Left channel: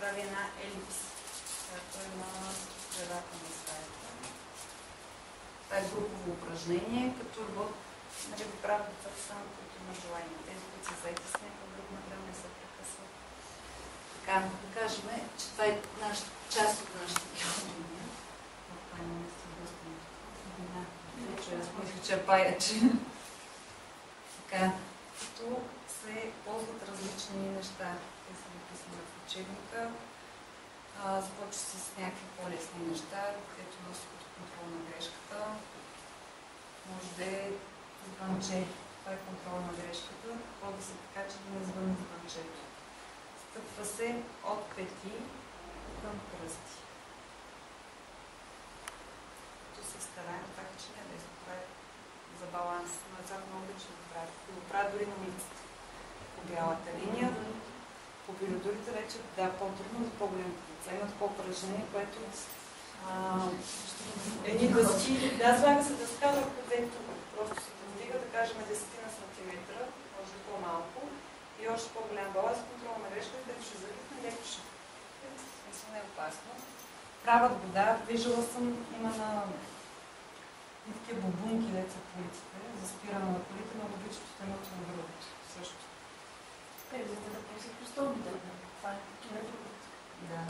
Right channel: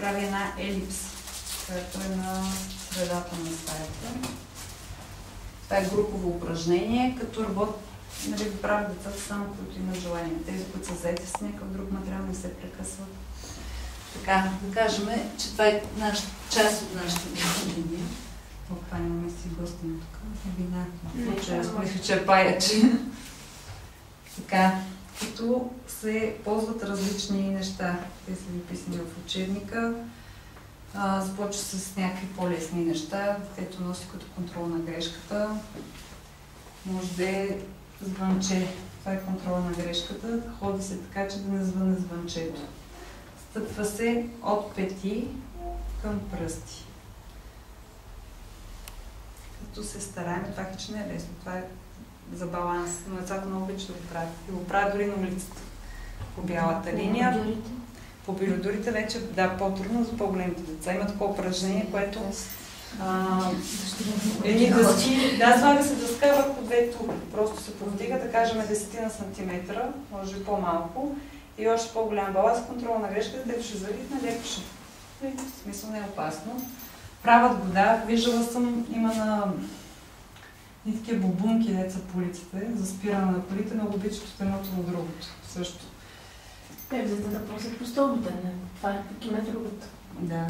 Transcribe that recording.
прави една елипс, която е на средата на стаята. Това е групово упражнение, като нали, го правят децата само, които имат желание. Тези, които са заети с някакъв друг материал, не се прекъсват. Така, да кажем, че това е част от нашата линия. Това имаме си гостени тук. Вина. Мисля, че е паяче. Така, като се ползват различни неща. Те са написани в учебника. Започва с някакви по-лесни неща. Детето носи като контрол на грешката. Може да е звънче. Това е контрол на грешката. Ходи се така, че да не звъне звънчето. Стъпва се от пети към пръсти. Като се стараем, това е, че не е лесно. Това е за баланс. Но децата много обичат да правят. И го правят дори на улицата. По бялата линия. По пилюдорите вече, да, по-трудно за по-големите деца. Има такова упражнение, което едни дъски, слага се дъска върху две тук. Просто се повдига, да кажем 10 на сантиметра, може и по-малко. И още по-голям баланс, контрол на грешката, дето ще залитне, леко ще. В смисъл не е опасно. Правят го, да. Виждала съм, има на такива бубунки, деца по улиците, за спиране на колите, много обичат от едното на другото. Също. За да просят по стълбите, това е такива другото. Да.